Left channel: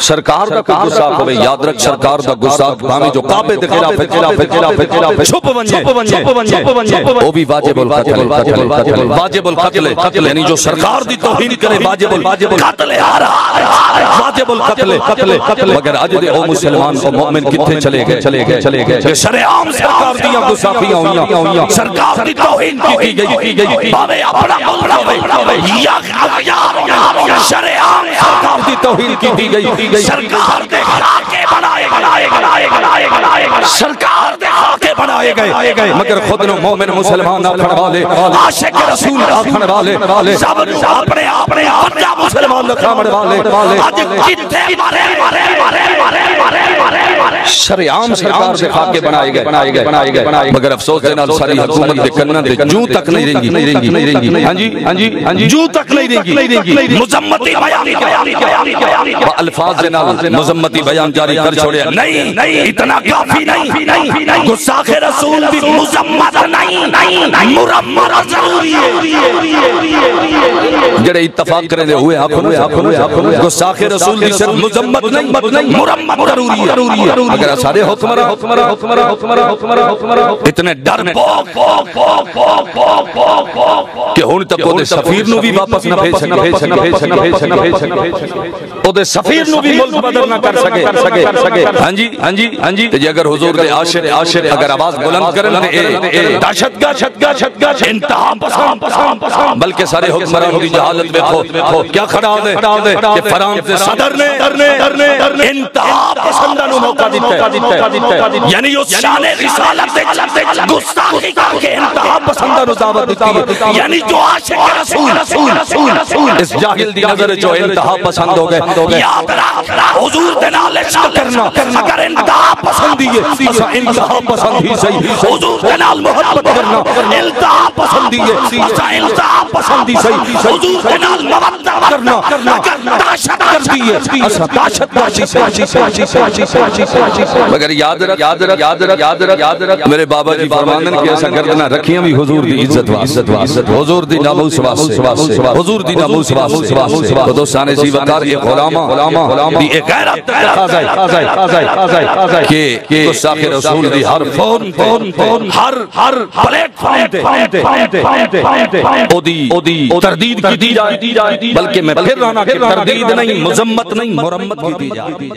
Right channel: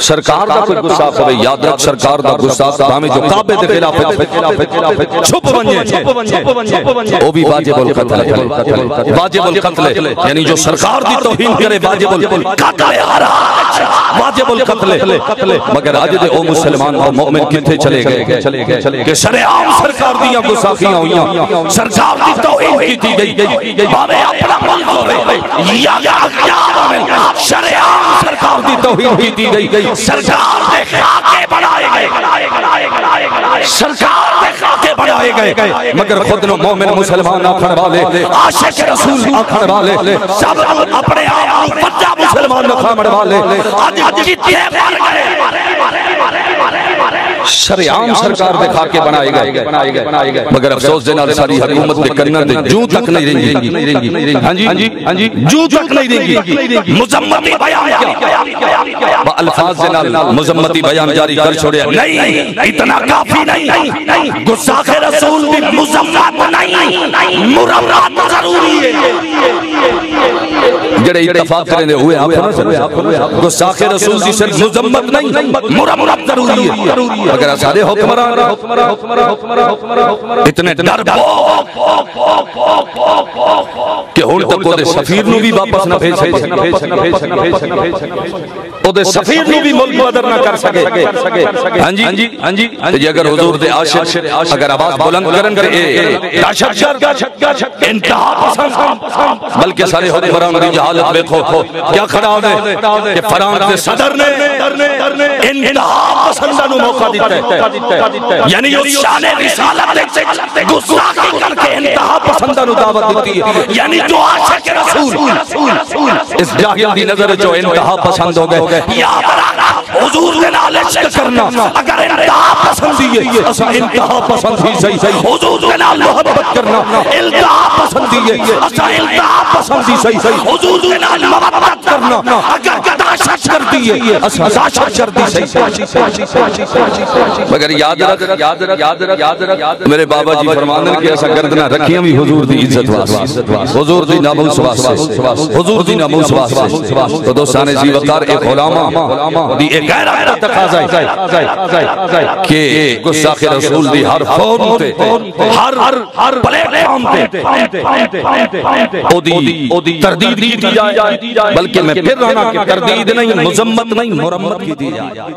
سرکار دا کوئی گستاخ ہوئے یاد رکھ سرکار دا گستاخ ہمیں جو کعبے دے خلاف چھپ بنجے وہ بھی واجب القتل ہے، واجب القتل ہے، یعنی جو سرکار دی توہین کرے واجب القتل ہے، ہر حال واجب القتل ہے۔ مگر آج دے او مسلمان او مومن کتھے چلے گئے کہ شرعام سرکار دیاں گستاخیاں ہوئیاں، سرکار دی توہین کی تھی گئی، باوے اپنا ملک ہوئے یا اغیار ہوئے، شرعام سرکار دی توہین کی تھی گئی، سرکار دے خاکے بنائے گئے، سرکار دے خاکے بنائے گئے۔ مگر خود نو مومن مسلمان آکھن والے، عاشق رسول آکھن والے، سب نو اپنے آپ نے وجہ مسلمان نکھامڑ والے آج کتنے مر گئے، شرعام سرکار دے خاکے بنائے گئے۔ مگر افسوس دے نال ساری حکومت دے کنن دے جوں تک نہیں رہیں گی، ہاں جی جوں تک نہیں رہیں گی، مذمتی بیان کیا با الفاظ دے نال مذمتی بیان جاری کر چھوڑیا، نہیں اتنا کافی نہیں، گستاخ رسول دی مذمت نہیں، مرمت ضروری ہے۔ جڑے اتفاق کریں دے ہوئے آپ ہونا سر گستاخ رسول دی صرف مذمت نہیں مرمت ضروری ہے۔ مگر سارے حکمران اتنے ڈر بوک کہ ہون تک وہ دے سفیر نو بھی واپس نہ بھیج سکے، وہ دے سفیر نو بھی ملک بدر نہ کر سکے۔ ہاں جی اگر حضور دے عاشق اگر آواز بلند کرن تے اے دہشت گرد انتہا پسند، بلکہ سارے حکمران دی جہالت دیکھو کیا کھڑا ہو دے کہ فرانس دے صدر نے انتہا پسندہ نو موقع دیتا ہے، یعنی اس شان رسالت گستاخی کر کے انتہا پسندہ نو دعوت دیتی ہے، یعنی جو عاشق رسول اس جاہل دی نظر جو انتہا پسند ہو گئے۔ یاد رکھ حضور دے نال عشق کرنا اگر انتہا پسندی ہے اسا انتہا پسند ہی صحیح، حضور دے نال محبت کرنا انتہا پسندی ہے اسا انتہا پسند ہی صحیح، حضور دے نال مودت کرنا اگر دہشت گردی ہے اسا دہشت گردی صحیح۔ مگر یاد رکھ میرے بابا جی فرماندن کہ ایسا گردنا رکھیاں بھی حضور دی عزت واسطے، حضور دی ناموس واسطے، حضور دی ناموس واسطے۔ تو دوستان زی وقار ایک علامہ دی ایک غیرت تک تقاضا ہے کہ گستاخ رسول دی ہر فون تے ہر پلیٹ فارم تے او دی تردید کی دی جائے، بلکہ میں پھر رہنا کہ تردید نہیں مذمت نہیں مرمت کی دی جائے۔